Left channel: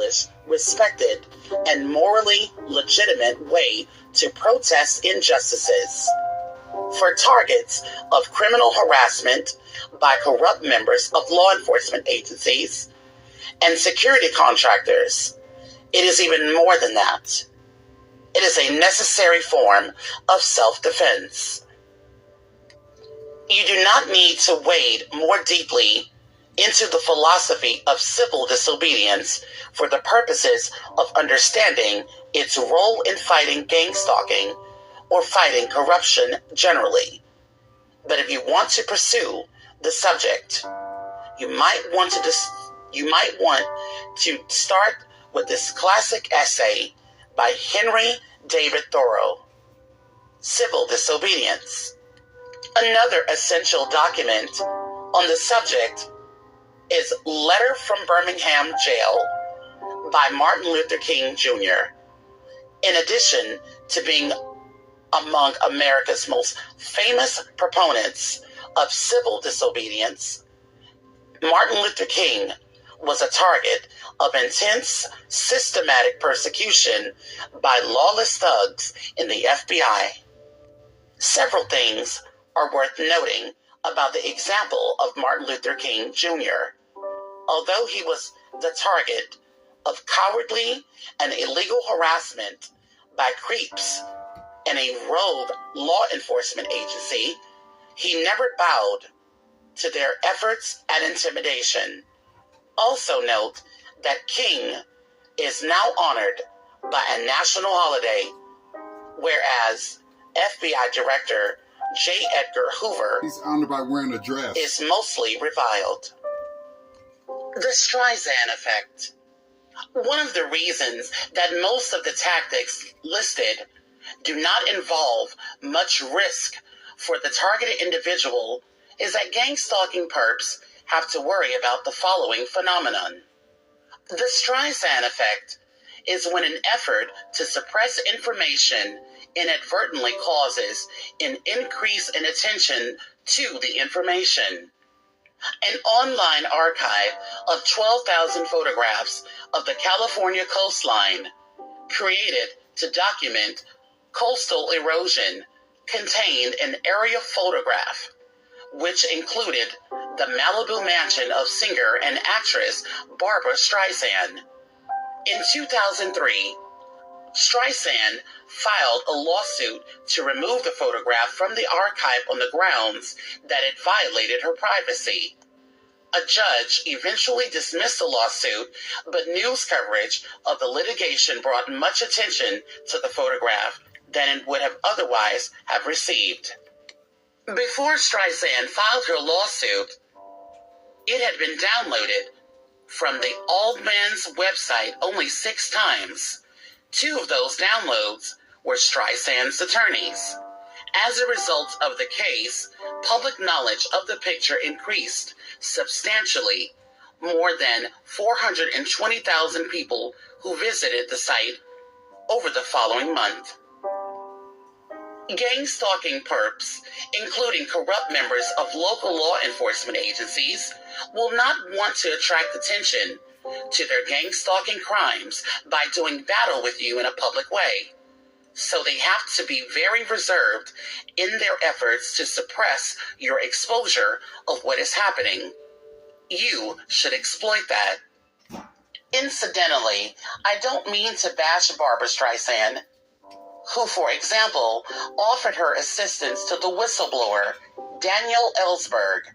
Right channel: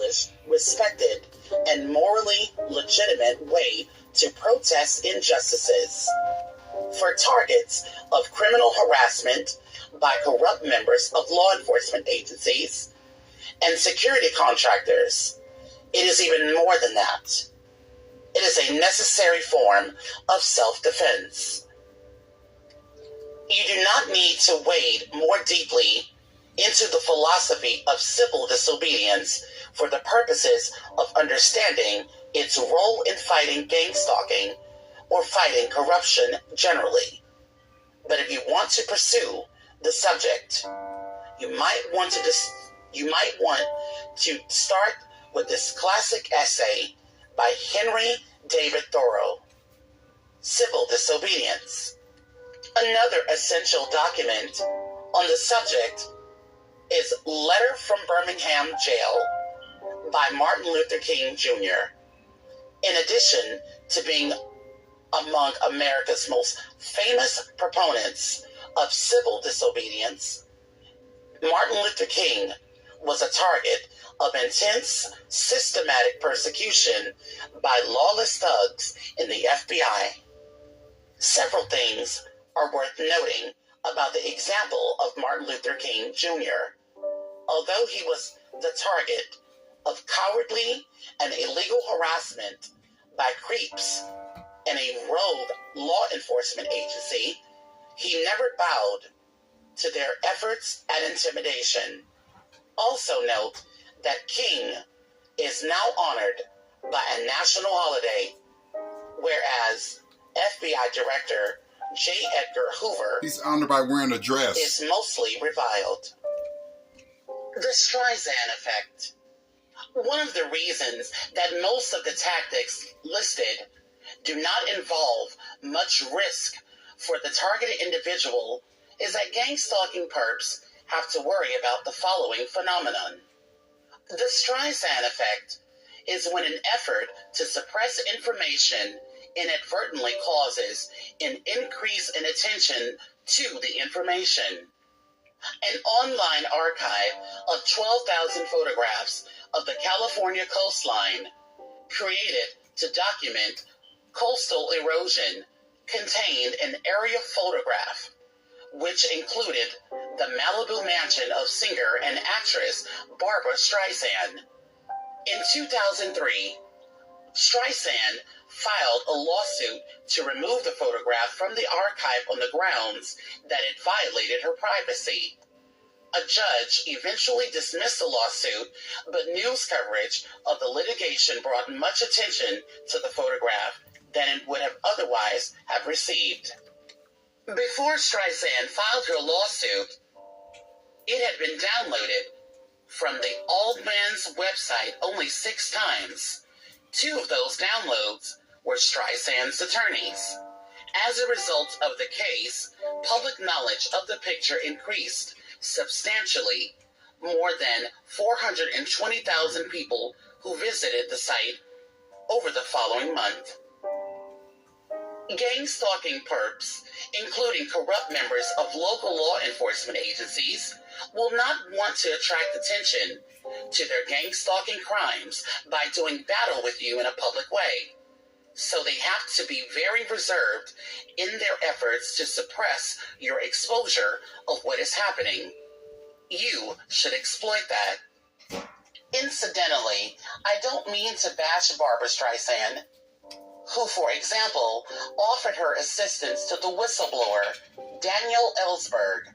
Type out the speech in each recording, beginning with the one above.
established, respected, and morally legitimate way to protest injustices. For targets of criminal harassment by corrupt members of law enforcement agencies and security contractors, it is even more than that. It is a necessary form of self-defense. You do not need to wade more deeply into the philosophy of civil disobedience for the purposes of understanding its role in fighting gang stalking or fighting corruption generally. But if you want to pursue the subject, you might want to start with this classic essay by Henry David Thoreau, Civil Disobedience. Another essential document on the subject is Letter from Birmingham Jail by Martin Luther King Jr. In addition to being among America's most famous proponents of civil disobedience, Martin Luther King was a target of intense, systematic persecution by lawless thugs in the FBI. Several things are worth noting about the example of Martin Luther King Jr. Although he was the target of cowardly and illegal harassment by creeps and a rogue law enforcement agency, he never bowed to their efforts at intimidation. Also note that King is now honored by a national holiday, whereas FBI Director J. Edgar Hoover, he's honored by wearing a dress, is mostly reviled. The Streisand effect. One of the reasons that most of the tactics listed do not involve much risk for the targeted individual is that gang stalking perps have to worry about the following phenomenon. The Streisand effect is when an effort to suppress information inadvertently causes an increase in attention to the information. An online archive of 12,000 photographs of the California coastline, created to document coastal erosion, contained an aerial photograph, which included the Malibu mansion of singer and actress Barbra Streisand. In 2003, Streisand filed a lawsuit to remove the photograph from the archive on the grounds that it violated her privacy. A judge eventually dismissed the lawsuit, but news coverage of the litigation brought much attention to the photograph than it would have otherwise have received. Before Streisand filed her lawsuit, it had been downloaded from the Aldman's website only 6 times. 2 of those downloads were Streisand's attorneys. As a result of the case, public knowledge of the picture increased substantially. More than 420,000 people who visited the site over the following month. Gang stalking perps, including corrupt members of local law enforcement agencies, will not want to attract attention to their gang stalking crimes by doing battle with you in a public way. So they have to be very reserved in their efforts to suppress your exposure of what is happening. You should exploit that. Incidentally, I don't mean to bash Barbra Streisand, who, for example, offered her assistance to the whistleblower Daniel Ellsberg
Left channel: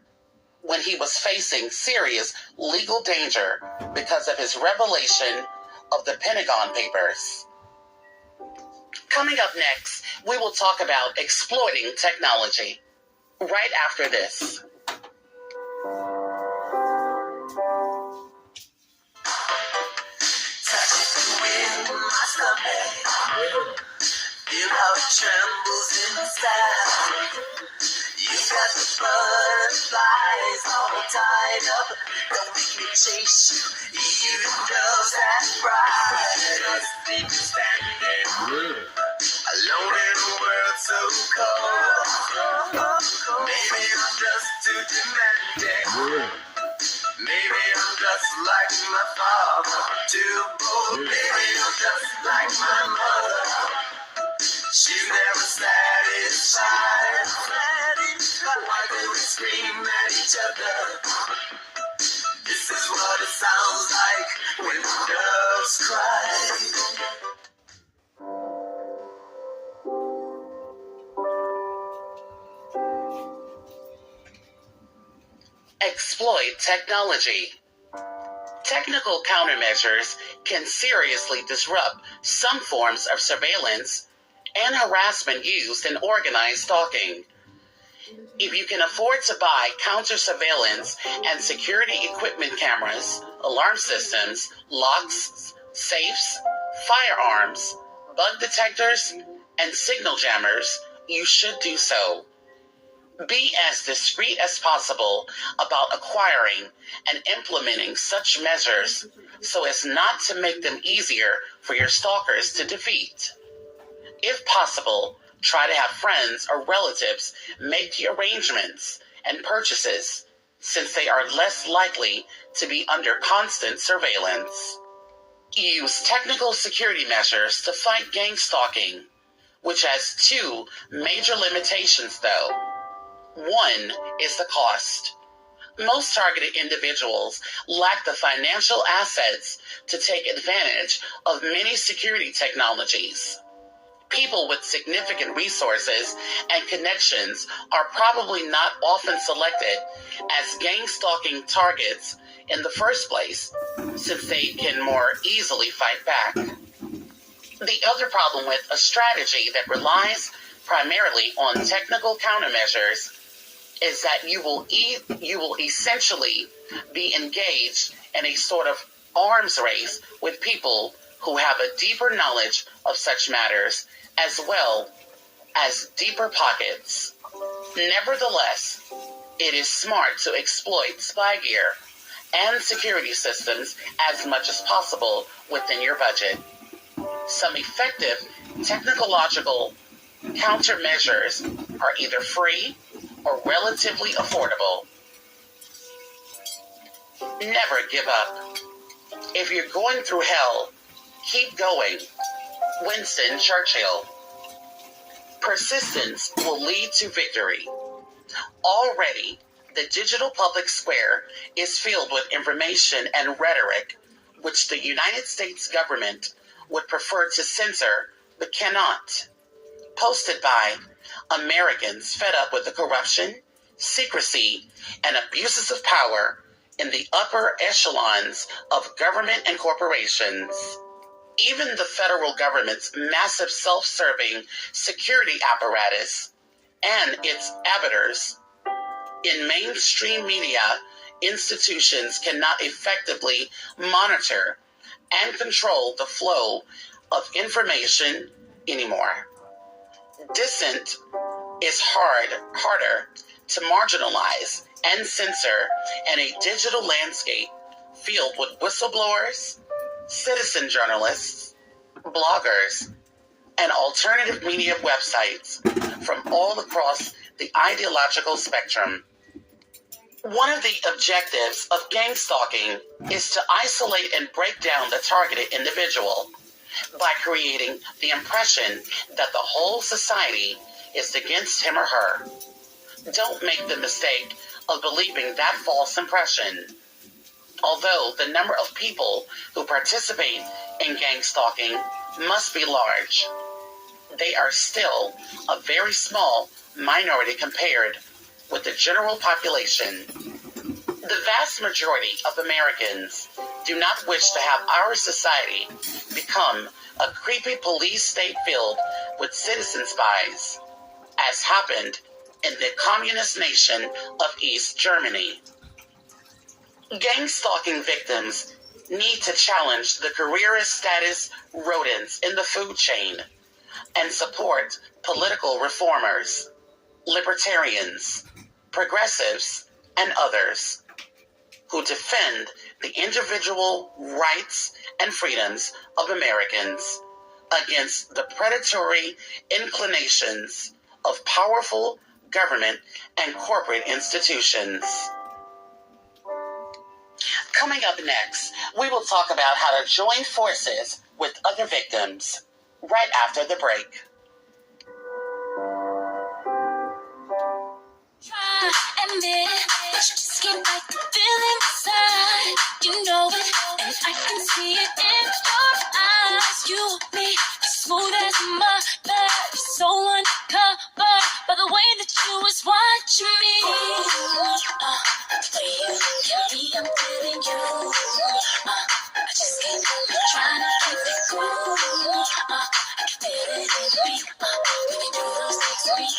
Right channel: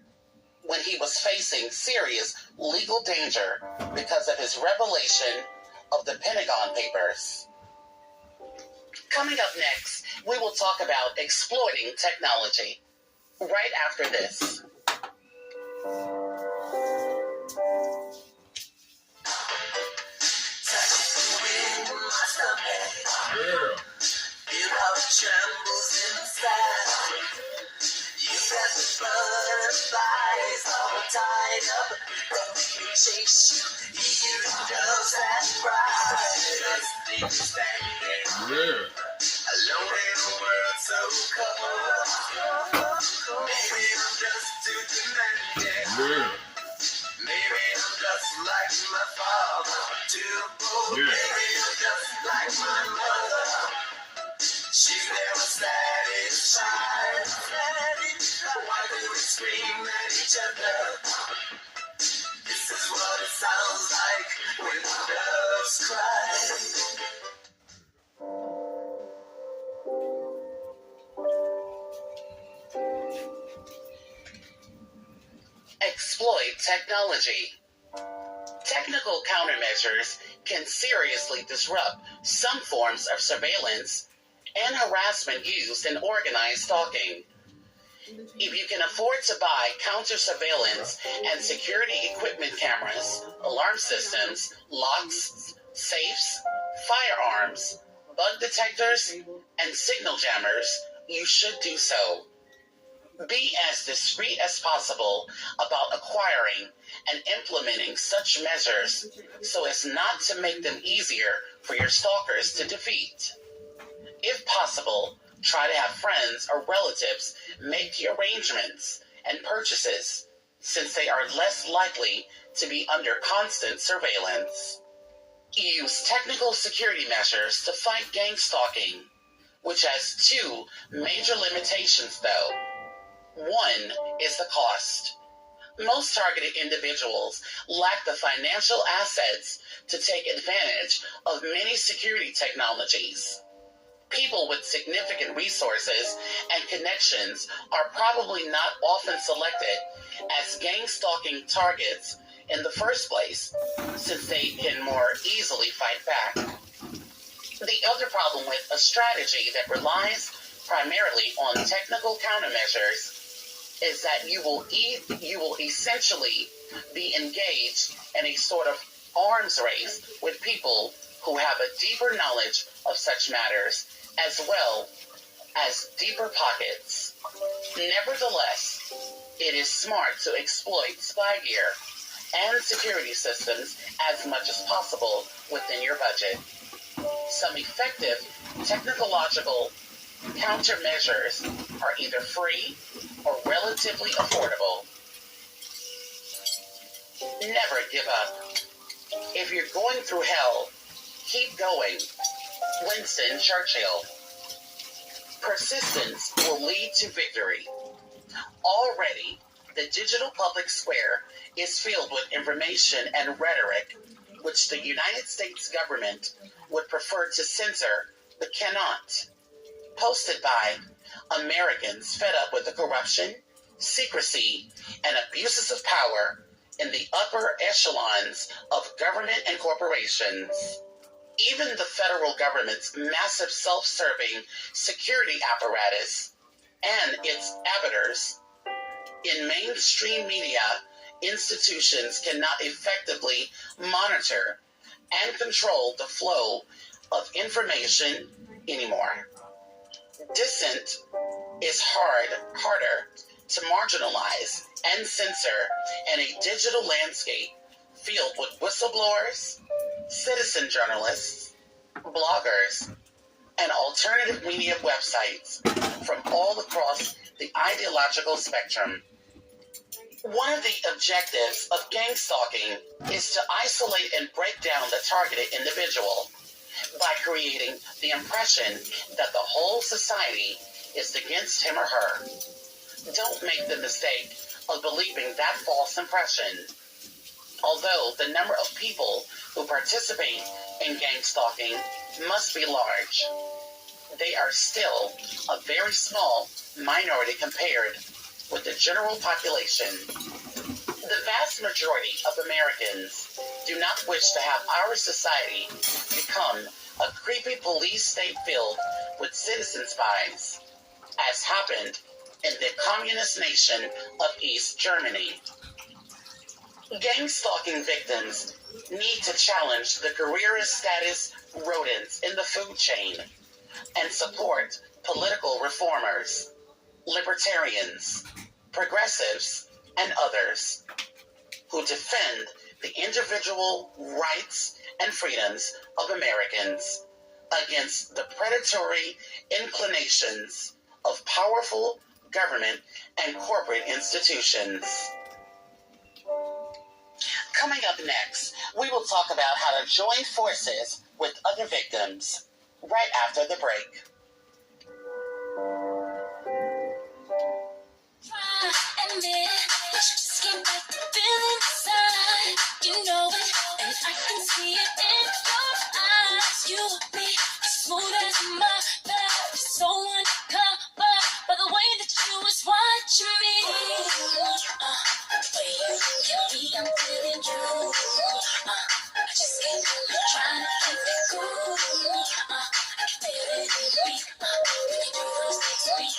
when he was facing serious legal danger because of his revelation of the Pentagon Papers. Coming up next, we will talk about exploiting technology. Right after this. Feel how it trembles inside. You got the butterflies all tied up. Don't make me chase you, even though that's right. Just leave me standing alone in a world so cold. Maybe I'm just too demanding. Maybe I'm just like my father, too beautiful, burial just like my mother. She's never satisfied. Why do we scream at each other? This is what it sounds like when doves cry. Exploit technology. Technical countermeasures can seriously disrupt some forms of surveillance and harassment used in organized stalking. If you can afford to buy counter surveillance and security equipment cameras, alarm systems, locks, safes, firearms, bug detectors, and signal jammers, you should do so. Be as discreet as possible about acquiring and implementing such measures so as not to make them easier for your stalkers to defeat. If possible, try to have friends or relatives make the arrangements and purchases, since they are less likely to be under constant surveillance. Use technical security measures to fight gang stalking, which has two major limitations though. One is the cost. Most targeted individuals lack the financial assets to take advantage of many security technologies. People with significant resources and connections are probably not often selected as gang stalking targets in the first place, since they can more easily fight back. The other problem with a strategy that relies primarily on technical countermeasures is that you will essentially be engaged in a sort of arms race with people who have a deeper knowledge of such matters as well as deeper pockets. Nevertheless, it is smart to exploit spy gear and security systems as much as possible within your budget. Some effective technological countermeasures are either free or relatively affordable. Never give up. If you're going through hell, keep going. Winston Churchill. Persistence will lead to victory. Already, the digital public square is filled with information and rhetoric which the United States government would prefer to censor but cannot. Posted by Americans fed up with the corruption, secrecy, and abuses of power in the upper echelons of government and corporations. Even the federal government's massive self-serving security apparatus and its abettors in mainstream media institutions cannot effectively monitor and control the flow of information anymore. Dissent is harder to marginalize and censor in a digital landscape filled with whistleblowers, citizen journalists, bloggers, and alternative media websites from all across the ideological spectrum. One of the objectives of gang stalking is to isolate and break down the targeted individual by creating the impression that the whole society is against him or her. Don't make the mistake of believing that false impression. Although the number of people who participate in gang stalking must be large, they are still a very small minority compared with the general population. The vast majority of Americans do not wish to have our society become a creepy police state filled with citizen spies, as happened in the communist nation of East Germany. Gang stalking victims need to challenge the careerist status rodents in the food chain and support political reformers, libertarians, progressives, and others who defend the individual rights and freedoms of Americans against the predatory inclinations of powerful government and corporate institutions. Coming up next, we will talk about how to join forces with other victims right after the break. Admit that you just can't fight the feeling inside. You know it, and I can see it in your eyes. You want me smooth as butter, so uncovered by the way that you was watching me. The way you look at me, I'm feeling you. I just can't help it, trying to keep it cool. I can feel it in the beat. When you do those things to me,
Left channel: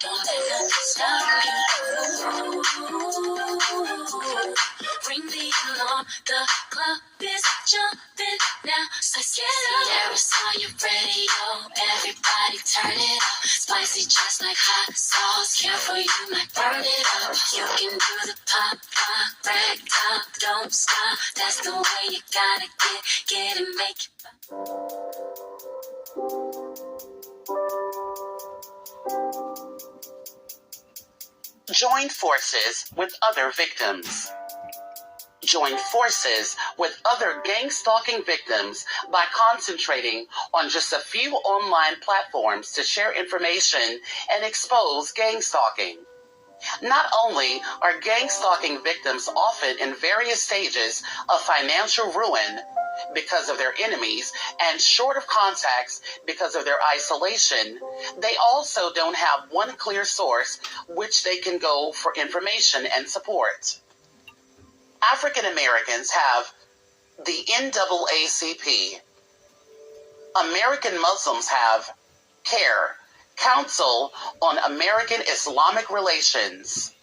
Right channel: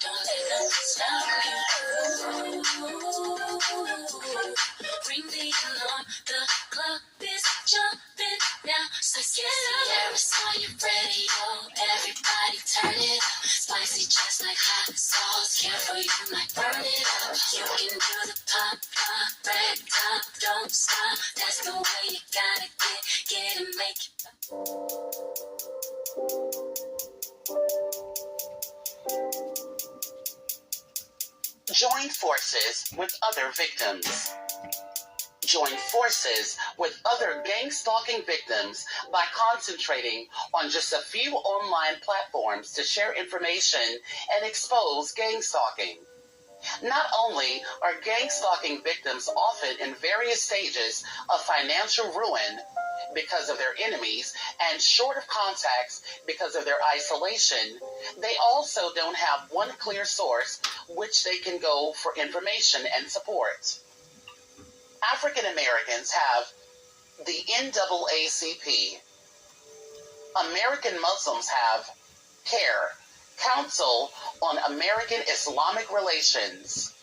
don't let nothing stop you. Ring the alarm, the club is jumping now. So Ciara on your radio, everybody turn it up. Spicy just like hot sauce, careful you might burn it up. You can do the pop, break top, don't stop. That's the way you gotta get and make it. Join forces with other victims. Join forces with other gang stalking victims by concentrating on just a few online platforms to share information and expose gang stalking. Not only are gang stalking victims often in various stages of financial ruin because of their enemies and short of contacts because of their isolation, they also don't have one clear source which they can go for information and support. African Americans have the NAACP. American Muslims have CARE, Council on American Islamic Relations.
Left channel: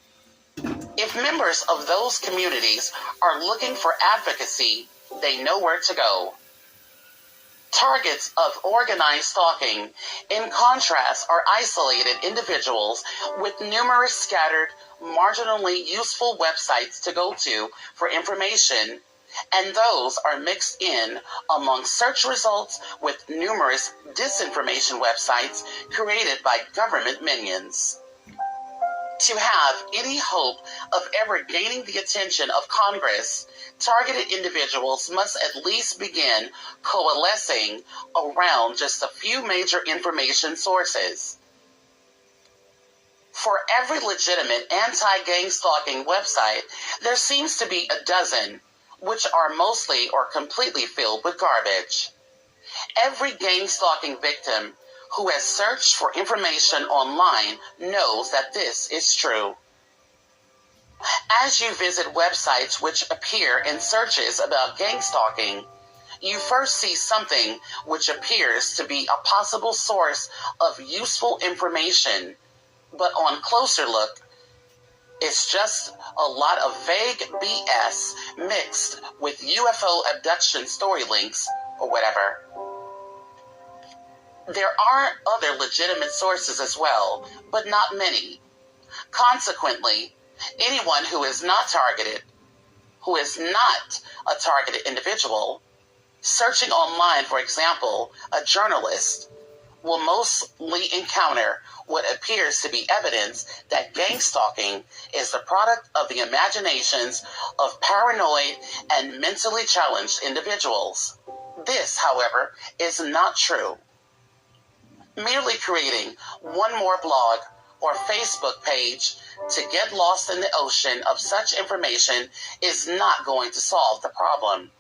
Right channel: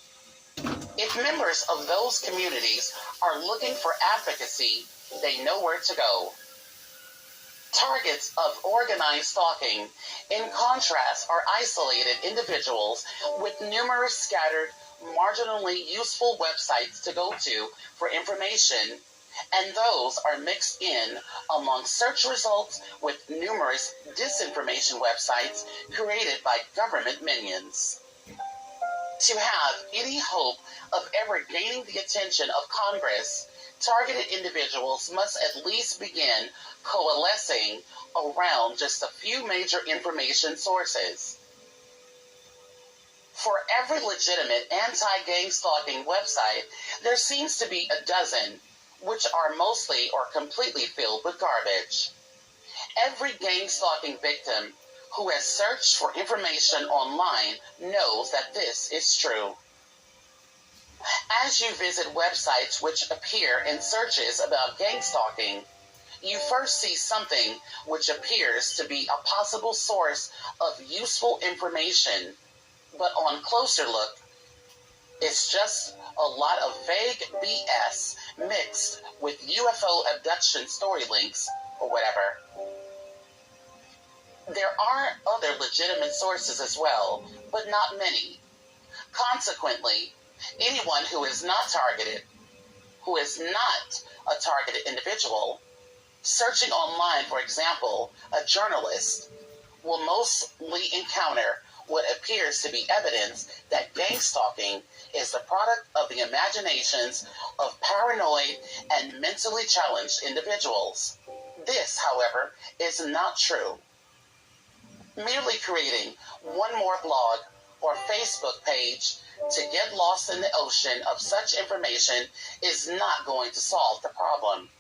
If members of those communities are looking for advocacy, they know where to go. Targets of organized stalking, in contrast, are isolated individuals with numerous scattered, marginally useful websites to go to for information, and those are mixed in among search results with numerous disinformation websites created by government minions. To have any hope of ever gaining the attention of Congress, targeted individuals must at least begin coalescing around just a few major information sources. For every legitimate anti-gang stalking website, there seems to be a dozen, which are mostly or completely filled with garbage. Every gang stalking victim who has searched for information online knows that this is true. As you visit websites which appear in searches about gang stalking, you first see something which appears to be a possible source of useful information, but on closer look, it's just a lot of vague BS mixed with UFO abduction story links or whatever. There are other legitimate sources as well, but not many. Consequently, anyone who is not targeted, who is not a targeted individual, searching online, for example, a journalist, will mostly encounter what appears to be evidence that gang stalking is the product of the imaginations of paranoid and mentally challenged individuals. This, however, is not true. Merely creating one more blog or Facebook page to get lost in the ocean of such information is not going to solve the problem.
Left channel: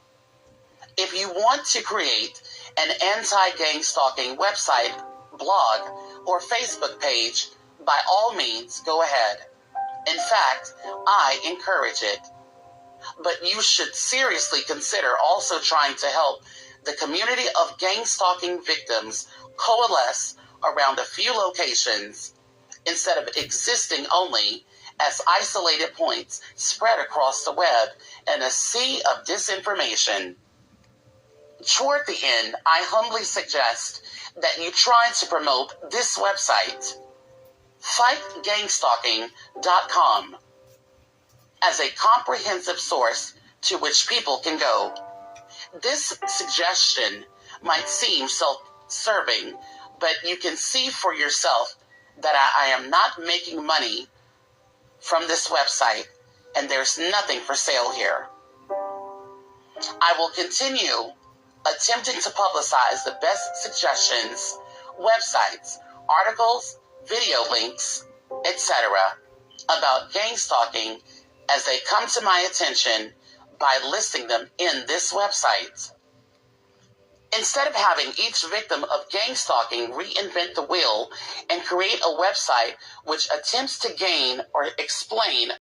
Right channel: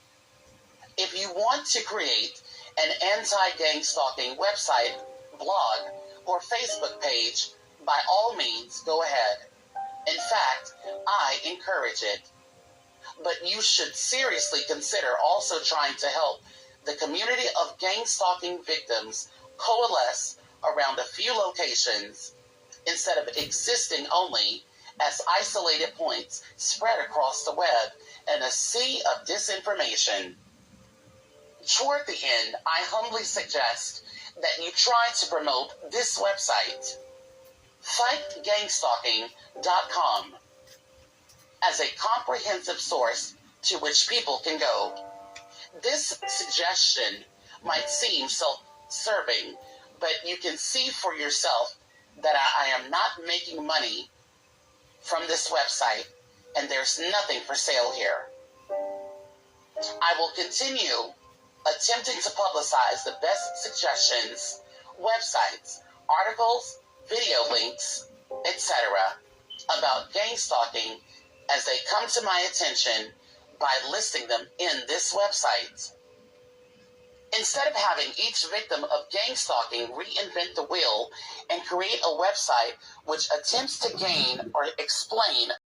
If you want to create an anti-gang stalking website, blog, or Facebook page, by all means, go ahead. In fact, I encourage it. But you should seriously consider also trying to help the community of gang stalking victims coalesce around a few locations instead of existing only as isolated points spread across the web in a sea of disinformation. Toward the end, I humbly suggest that you try to promote this website, fightgangstalking.com, as a comprehensive source to which people can go. This suggestion might seem self-serving, but you can see for yourself that I am not making money from this website, and there's nothing for sale here. I will continue attempting to publicize the best suggestions, websites, articles, video links, etc. about gang stalking as they come to my attention by listing them in this website. Instead of having each victim of gang stalking reinvent the wheel and create a website which attempts to gain or explain